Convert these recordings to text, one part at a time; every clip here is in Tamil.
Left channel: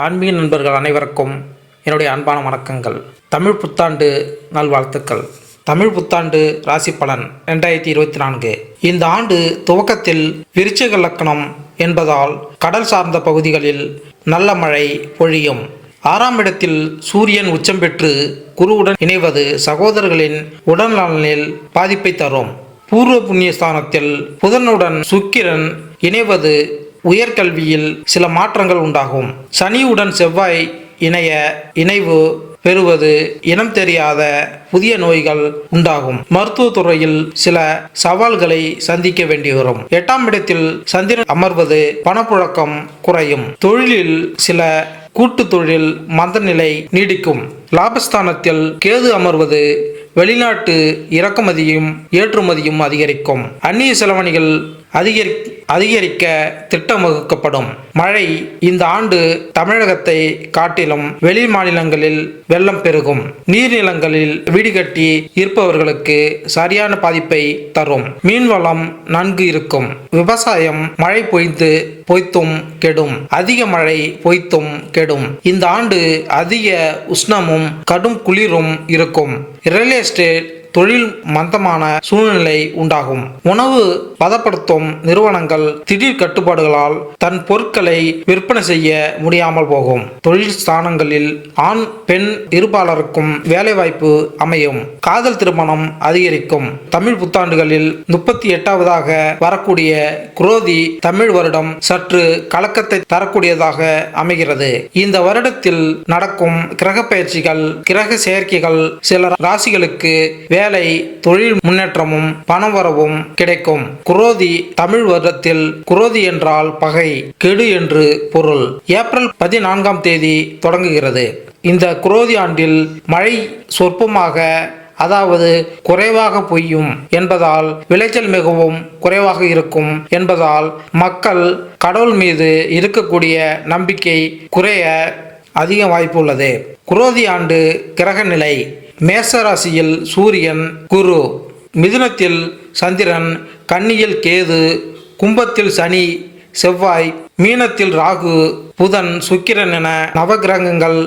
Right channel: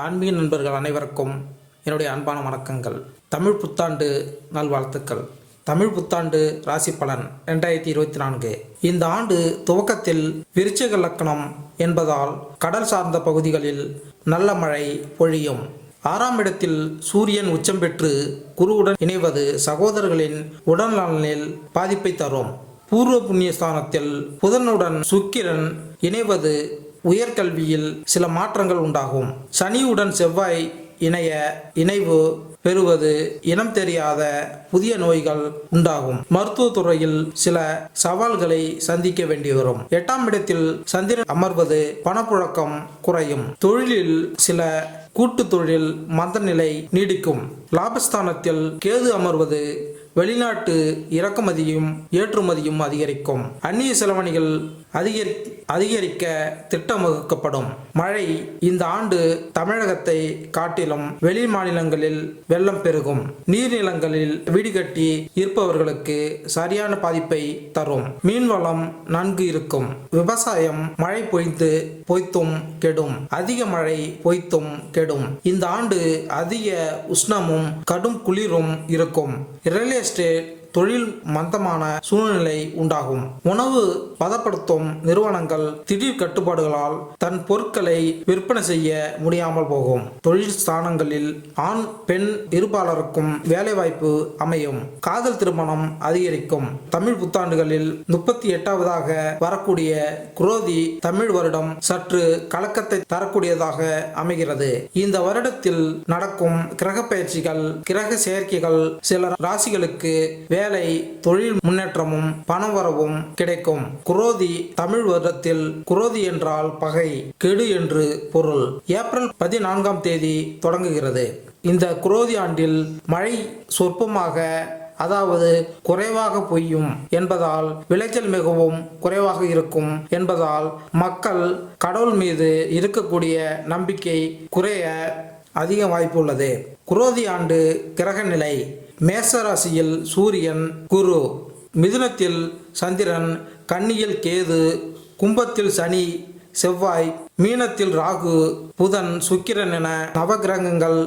ஆன்மீக நண்பர்கள் அனைவருக்கும் என்னுடைய அன்பான வணக்கங்கள். தமிழ் புத்தாண்டு நல்வாழ்த்துக்கள். தமிழ் புத்தாண்டு ராசி பலன் 2024. இந்த ஆண்டு துவக்கத்தில் விருச்சிக லக்னம் என்பதால் கடல் சார்ந்த பகுதிகளில் நல்ல மழை பொழியும். 6ஆம் இடத்தில் சூரியன் உச்சம் பெற்று குருவுடன் இணைவது சகோதரர்களின் உடல்நலனில் பாதிப்பை தரும். பூர்வ புண்ணிய ஸ்தானத்தில் புதனுடன் சுக்கிரன் இணைவது உயர்கல்வியில் சில மாற்றங்கள் உண்டாகும். சனியுடன் செவ்வாய் இணைவு பெறுவது இனம் தெரியாத புதிய நோய்கள் உண்டாகும். மருத்துவத்துறையில் சில சவால்களை சந்திக்க வேண்டி வரும். 8ஆம் இடத்தில் சந்திரன் அமர்வது பணப்புழக்கம் குறையும். தொழிலில் சில கூட்டு தொழில் மந்த நிலை நீடிக்கும். லாபஸ்தானத்தில் கேது அமர்வது வெளிநாட்டு இறக்குமதியும் ஏற்றுமதியும் அதிகரிக்கும். அந்நிய செலவணிகள் அதிகரிக்க திட்டம் வகுக்கப்படும். மழை இந்த ஆண்டு தமிழகத்தை காட்டிலும் வெளி மாநிலங்களில் வெள்ளம் பெருகும். நீர்நிலங்களில் வீடு கட்டி இருப்பவர்களுக்கு சரியான பாதிப்பை தரும். மீன்வளம் நன்கு இருக்கும். விவசாயம் மழை பொய்த்தும் கெடும். அதிக மழை பொய்த்தும் கெடும். இந்த ஆண்டு அதிக உஷ்ணமும் கடும் குளிரும் இருக்கும். ரியல் எஸ்டேட் தொழில் மந்தமான சூழ்நிலை உண்டாகும். உணவு பதப்படுத்தும் நிறுவனங்கள் திடீர் கட்டுப்பாடுகளால் தன் பொருட்களை விற்பனை செய்ய முடியாமல் போகும். தொழில் ஸ்தானங்களில் ஆண் பெண் இருபாலருக்கும் வேலைவாய்ப்பு அமையும். காதல் திருமணம் அதிகரிக்கும். தமிழ் புத்தாண்டுகளில் 38வதாக வரக்கூடிய குரோதி தமிழ் வருடம் சற்று கலக்கத்தை தரக்கூடியதாக அமைகிறது. இந்த வருடத்தில் நடக்கும் கிரக பயிற்சிகள் கிரக செயற்கைகள் சில ராசிகளுக்கு வேலை தொழில் முன்னேற்றமும் பணவரவும் கிடைக்கும். குரோதி தமிழ் வருடத்தில் குரோதி என்றால் பகை கெடு என்று பொருள். ஏப்ரல் 14ஆம் தேதி தொடங்குகிறது. இந்த குரோதி ஆண்டில் மழை சொற்பமாக அதாவது குறைவாக பொய்யும் என்பதால் விளைச்சல் மிகவும் குறைவாக இருக்கும் என்பதால் மக்கள் கடவுள் மீது இருக்கக்கூடிய நம்பிக்கை குறைய அதிக வாய்ப்பு உள்ளது. குரோதி ஆண்டு கிரக நிலை: மேச ராசியில் சூரியன் குரு, மிதுனத்தில் சந்திரன், கன்னியில் கேது, கும்பத்தில் சனி செவ்வாய், மீனத்தில் ராகு புதன் சுக்கிரன் என நவகிரகங்கள்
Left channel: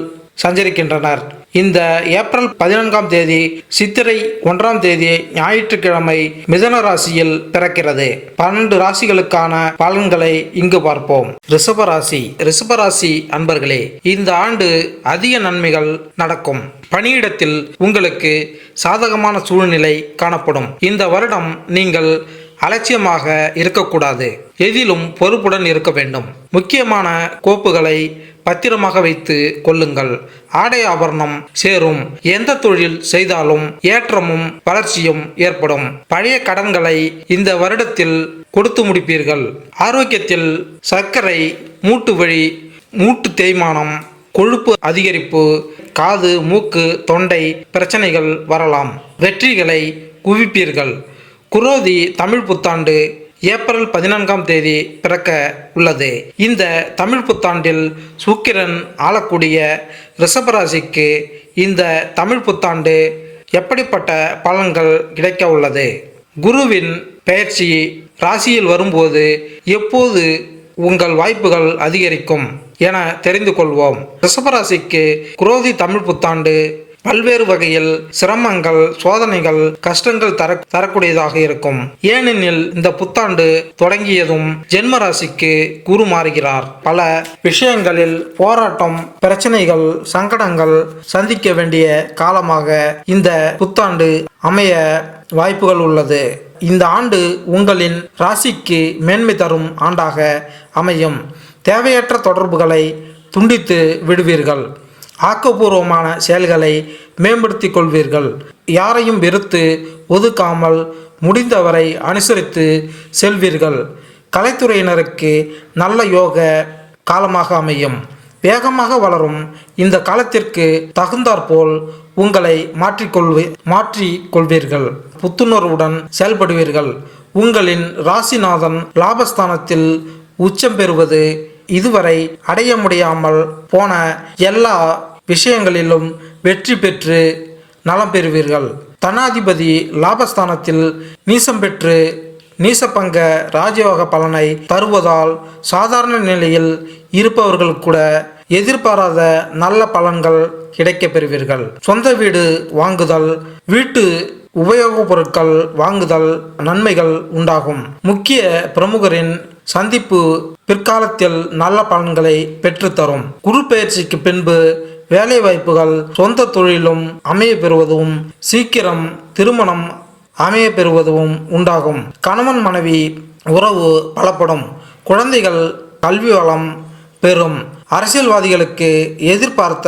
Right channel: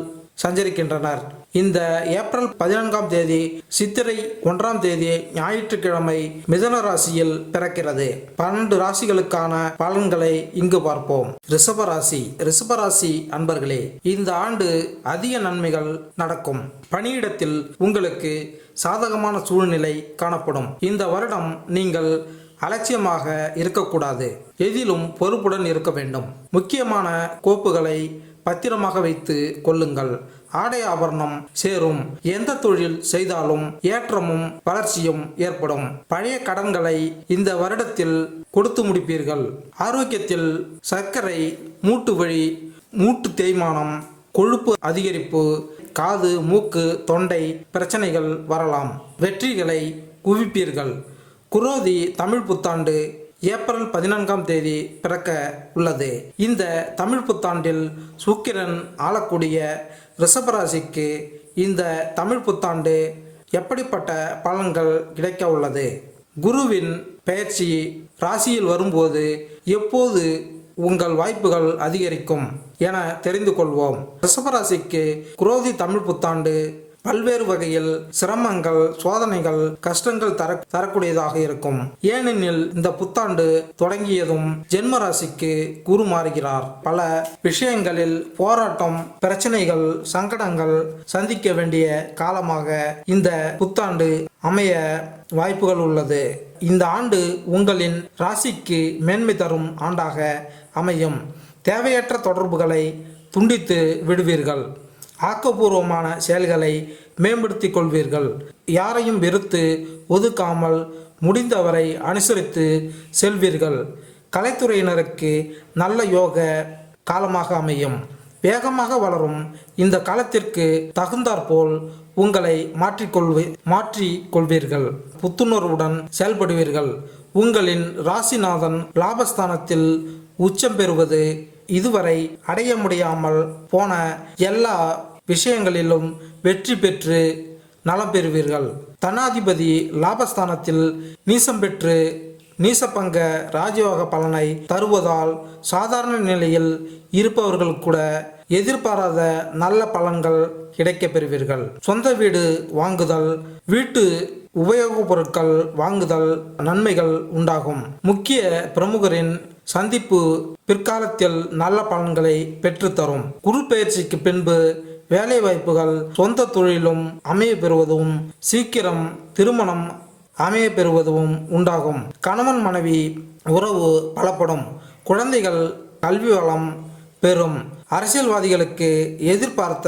சஞ்சரிக்கின்றனர். இந்த ஏப்ரல் 14ஆம் தேதி சித்திரை 1ஆம் தேதி ஞாயிற்றுக்கிழமை மிதுன ராசியில் பிறக்கிறது. 12 ராசிகளுக்கான பலன்களை இங்கு பார்ப்போம். ரிஷபராசி அன்பர்களே, இந்த ஆண்டு அதிக நன்மைகள் நடக்கும். பணியிடத்தில் உங்களுக்கு சாதகமான சூழ்நிலை காணப்படும். இந்த வருடம் நீங்கள் அலட்சியமாக இருக்கக்கூடாது. எதிலும் பொறுப்புடன் இருக்க வேண்டும். முக்கியமான கோப்புகளை பத்திரமாக வைத்து கொள்ளுங்கள். ஆடை ஆபரணம் சேரும். எந்த தொழில் செய்தாலும் ஏற்றமும் வளர்ச்சியும் ஏற்படும். பழைய கடன்களை இந்த வருடத்தில் கொடுத்து முடிப்பீர்கள். ஆரோக்கியத்தில் சர்க்கரை, மூட்டு வலி, மூட்டு தேய்மானம், கொழுப்பு அதிகரிப்பு, காது மூக்கு தொண்டை பிரச்சனைகள் வரலாம். வெற்றிகளை குவிப்பீர்கள். குரோதி தமிழ் புத்தாண்டு ஏப்ரல் 14ஆம் தேதி பிறக்க உள்ளது. இந்த தமிழ் புத்தாண்டில் சுக்கிரன் ஆளக்கூடிய ரிஷபராசிக்கு இந்த தமிழ் புத்தாண்டு எப்படிப்பட்ட பலன்கள் கிடைக்க உள்ளது? குருவின் பெயர்ச்சி ராசியில் வரும்போது எப்போது உங்கள் வாய்ப்புகள் அதிகரிக்கும் என தெரிந்து கொள்வோம். ரிஷபராசிக்கு குரோதி தமிழ் புத்தாண்டு பல்வேறு வகையில் சிரமங்கள், சோதனைகள், கஷ்டங்கள் தரக்கூடியதாக இருக்கும். ஏனெனில் இந்த புத்தாண்டு தொடங்கியதும் ஜென்ம ராசிக்கு குரு மாறுகிறார். பல விஷயங்களில் போராட்டம், பிரச்சனைகள், சங்கடங்கள் சந்திக்க வேண்டிய காலமாக இந்த புத்தாண்டு அமைய வாய்ப்புகள் உள்ளது. இந்த ஆண்டு உங்களின் ராசிக்கு மேன்மை தரும் ஆண்டாக அமையும். தேவையற்ற தொடர்புகளை துண்டித்து விடுவீர்கள். ஆக்கப்பூர்வமான செயல்களை மேம்படுத்திக் கொள்வீர்கள். யாரையும் வெறுத்து ஒதுக்காமல் முடிந்தவரை அனுசரித்து செல்வீர்கள். கலைத்துறையினருக்கு நல்ல யோக காலமாக அமையும். வேகமாக வளரும் இந்த காலத்திற்கு தகுந்தாற்போல் உங்களை மாற்றிக்கொள்வீர்கள். புத்துணர்வுடன் செயல்படுவீர்கள். உங்களின் ராசிநாதன் லாபஸ்தானத்தில் உச்சம் பெறுவது இதுவரை அடைய முடியாமல் போன எல்லா விஷயங்களிலும் வெற்றி பெற்று நலம் பெறுவீர்கள். தனாதிபதி லாபஸ்தானத்தில் நீசம் பெற்று நீசபங்க ராஜயோக பலனை தருவதால் சாதாரண நிலையில் இருப்பவர்கள் கூட எதிர்பாராத நல்ல பலன்கள் கிடைக்கப் பெறுவீர்கள். சொந்த வீடு வாங்குதல், வீட்டு உபயோகப் பொருட்கள் வாங்குதல் நன்மைகள் உண்டாகும். முக்கிய பிரமுகரின் சந்திப்பு பிற்காலத்தில் நல்ல பலன்களை பெற்றுத்தரும். குரு பெயர்ச்சிக்கு பின்பு வேலை வாய்ப்புகள் சொந்த தொழிலும் அமைய பெறுவதும் சீக்கிரம் திருமணம் அமைய பெறுவதும் உண்டாகும். கணவன் மனைவி உறவு பலப்படும். குழந்தைகள் கல்வி வளம் பெறும். அரசியல்வாதிகளுக்கு எதிர்பார்த்த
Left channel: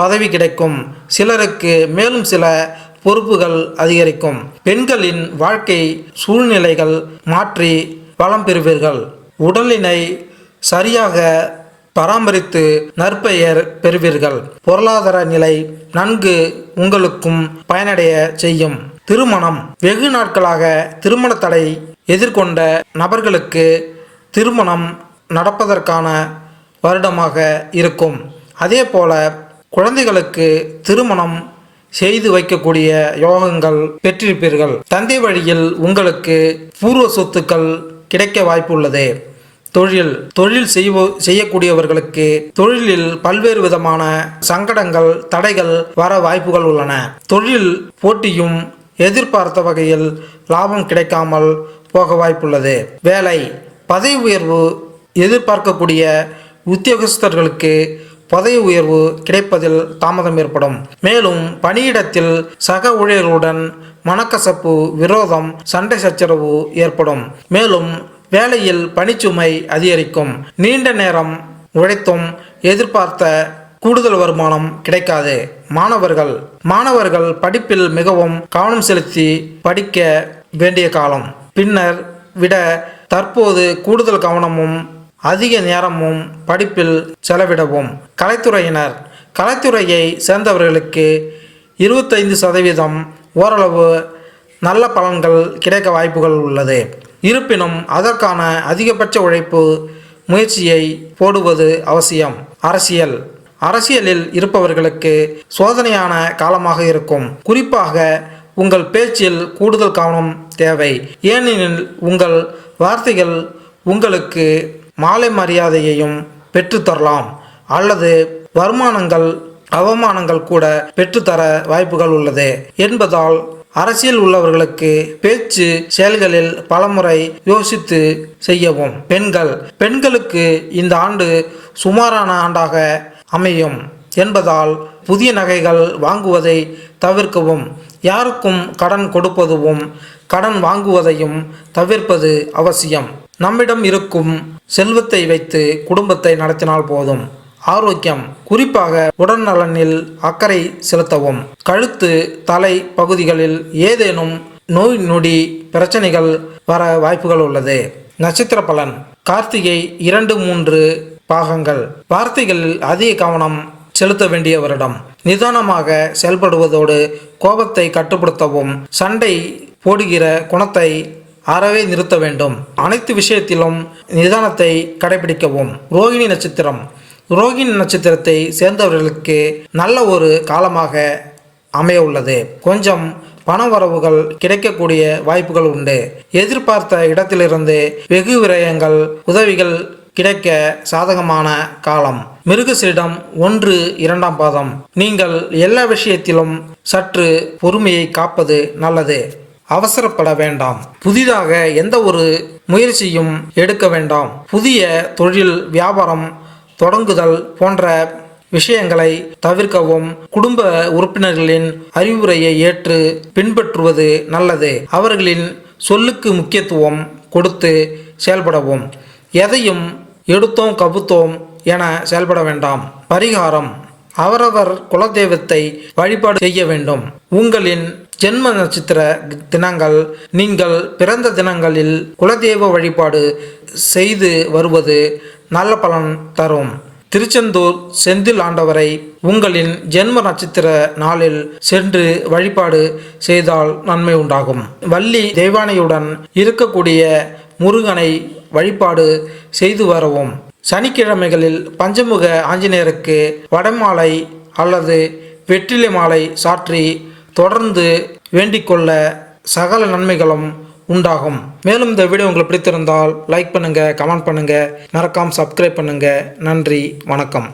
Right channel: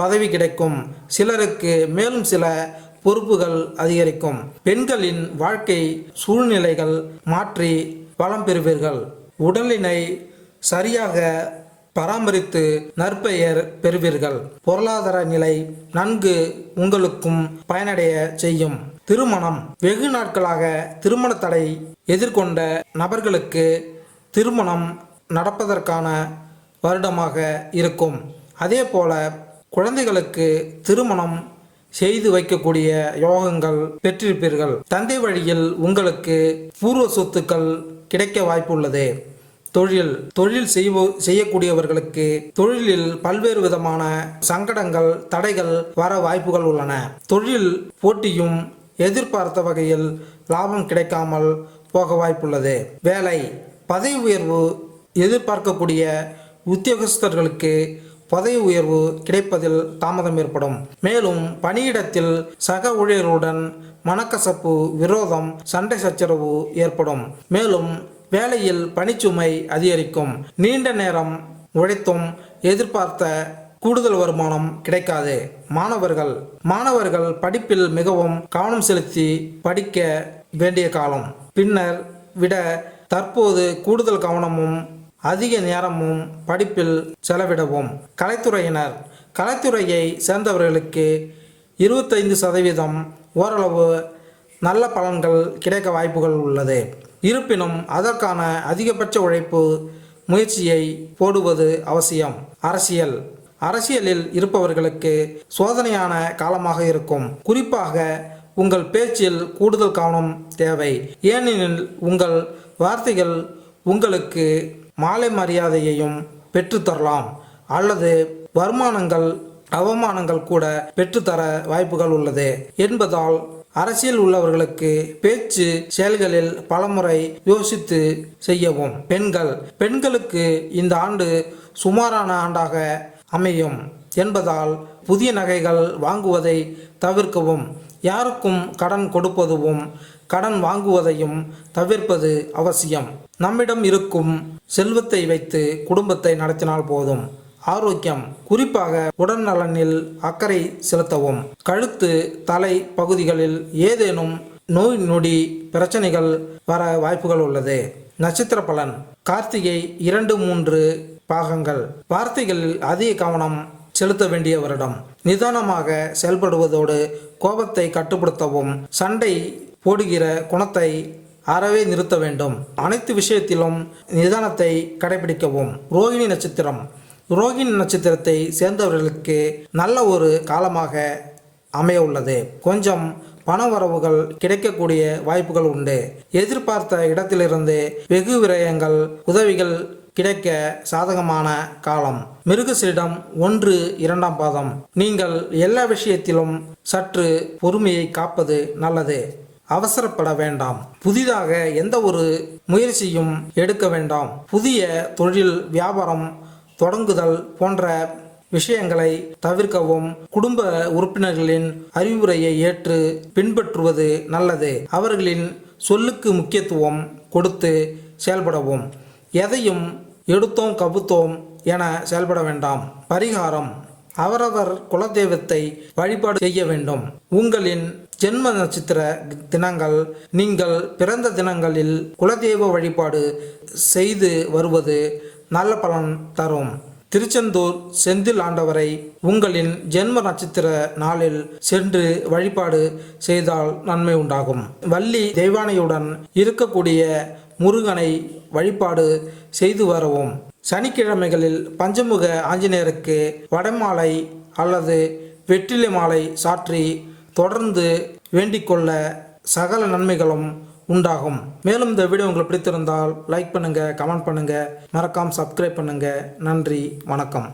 பதவி கிடைக்கும். சிலருக்கு மேலும் சில பொறுப்புகள் அதிகரிக்கும். பெண்களின் வாழ்க்கை சூழ்நிலைகள் மாற்றி வளம் பெறுவீர்கள். உடலினை சரியாக பராமரித்து நற்பெயர் பெறுவீர்கள். பொருளாதார நிலை நன்கு உங்களுக்கும் பயனடைய செய்யும். திருமணம் வெகு நாட்களாக திருமண தடை எதிர்கொண்ட நபர்களுக்கு திருமணம் நடப்பதற்கான வருடமாக இருக்கும். அதே போல குழந்தைகளுக்கு திருமணம் செய்து வைக்கக்கூடிய யோகங்கள் பெற்றிருப்பீர்கள். தந்தை வழியில் உங்களுக்கு பூர்வ சொத்துக்கள் கிடைக்க வாய்ப்புள்ளது. தொழில் செய்யக்கூடியவர்களுக்கு தொழிலில் பல்வேறு விதமான சங்கடங்கள் தடைகள் வர வாய்ப்புகள் உள்ளன. தொழில் போட்டியும் எதிர்பார்த்த வகையில் லாபம் கிடைக்காமல் போக வாய்ப்புள்ளது. வேலை பதவி உயர்வு எதிர்பார்க்கக்கூடிய உத்தியோகஸ்தர்களுக்கு பதவி உயர்வு கிடைப்பதில் தாமதம் ஏற்படும். மேலும் பணியிடத்தில் சக ஊழியர்களுடன் மனக்கசப்பு, விரோதம், சண்டை சச்சரவு ஏற்படும். மேலும் வேலையில் பணிச்சுமை அதிகரிக்கும். நீண்ட நேரம் உழைத்தும் எதிர்பார்த்த கூடுதல் வருமானம் கிடைக்காது. மாணவர்கள் படிப்பில் மிகவும் கவனம் செலுத்தி படிக்க வேண்டிய காலம். பின்னர் விட தற்போது கூடுதல் கவனமும் அதிக நேரமும் படிப்பில் செலவிடவும். கலைத்துறையை சேர்ந்தவர்களுக்கு 25% ஓரளவு நல்ல பலன்கள் கிடைக்க வாய்ப்புகள் உள்ளது. இருப்பினும் அதற்கான அதிகபட்ச உழைப்பு முயற்சியை போடுவது அவசியம். அரசியலில் இருப்பவர்களுக்கு சோதனையான காலமாக இருக்கும். குறிப்பாக உங்கள் பேச்சில் கூடுதல் கவனம் தேவை. ஏனெனில் உங்கள் வார்த்தைகள் உங்களுக்கு மாலை மரியாதையையும் பெற்றுத்தரலாம் அல்லது அவமானங்கள் கூட பெற்றுத்தர வாய்ப்புகள் உள்ளது என்பதால் அரசியல் உள்ளவர்களுக்கு பேச்சு செயல்களில் பலமுறை யோசித்து செய்யவும். பெண்களுக்கு இந்த ஆண்டு சுமாரான ஆண்டாக அமையும் என்பதால் புதிய நகைகள் வாங்குவதை தவிர்க்கவும். யாருக்கும் கடன் கொடுப்பதும் கடன் வாங்குவதையும் தவிர்ப்பது அவசியம். நம்மிடம் இருக்கும் செல்வத்தை வைத்து குடும்பத்தை நடத்தினால் போதும். ஆரோக்கியம் குறிப்பாக உடல்நலனில் அக்கறை செலுத்தவும். கழுத்து, தலை பகுதிகளில் ஏதேனும் நோய் நொடி பிரச்சனைகள் வர வாய்ப்புகள் உள்ளது. நட்சத்திர பலன். கார்த்திகை 2-3 பாகங்கள். வார்த்தைகளில் அதிக கவனம் செலுத்த வேண்டிய வருடம். நிதானமாக செயல்படுவதோடு கோபத்தை கட்டுப்படுத்தவும். சண்டை போடுகிற குணத்தை அறவே நிறுத்த வேண்டும். அனைத்து விஷயத்திலும் நிதானத்தை கடைபிடிக்கவும். ரோகிணி நட்சத்திரத்தை சேர்ந்தவர்களுக்கு நல்ல ஒரு காலமாக அமைய உள்ளது. கொஞ்சம் பண வரவுகள் கிடைக்கக்கூடிய வாய்ப்புகள் உண்டு. எதிர்பார்த்த இடத்திலிருந்து வெகு விரயங்கள் உதவிகள் கிடைக்க சாதகமான காலம். மிருகசீரிடம் 1-2 பாதம். நீங்கள் எல்லா விஷயத்திலும் சற்று பொறுமையை காப்பது நல்லது. அவசரப்பட வேண்டாம். புதிதாக எந்த ஒரு முயற்சியும் எடுக்க வேண்டாம். புதிய தொழில் வியாபாரம் தொடங்குதல் போன்ற விஷயங்களை தவிர்க்கவும். குடும்ப உறுப்பினர்களின் அறிவுரையை ஏற்று பின்பற்றுவது நல்லது. அவர்களின் சொல்லுக்கு முக்கியத்துவம் கொடுத்து செயல்படவும். எதையும் எடுத்தோம் கபுத்தோம் என செயல்பட வேண்டாம். பரிகாரம். அவரவர் குலதெய்வத்தை வழிபாடு செய்ய வேண்டும். உங்களின் ஜென்ம நட்சத்திர தினங்கள் நீங்கள் பிறந்த தினங்களில் குலதெய்வ வழிபாடு செய்து வருவது நல்ல பலன் தரும். திருச்செந்தூர் செந்தில் ஆண்டவரை உங்களின் ஜென்ம நட்சத்திர நாளில் சென்று வழிபாடு செய்தால் நன்மை உண்டாகும். வள்ளி தெய்வானையுடன் இருக்கக்கூடிய முருகனை வழிபாடு செய்து வரவும். சனிக்கிழமைகளில் பஞ்சமுக ஆஞ்சநேயருக்கு வடமாலை அல்லது வெற்றிலை மாலை சாற்றி தொடர்ந்து வேண்டிக்கொள்ள சகல நன்மைகளும் உண்டாகும். மேலும் இந்த வீடியோ உங்களுக்கு பிடித்திருந்தால் லைக் பண்ணுங்கள், கமெண்ட் பண்ணுங்கள், மறக்காமல் சப்ஸ்கிரைப் பண்ணுங்கள். நன்றி, வணக்கம்.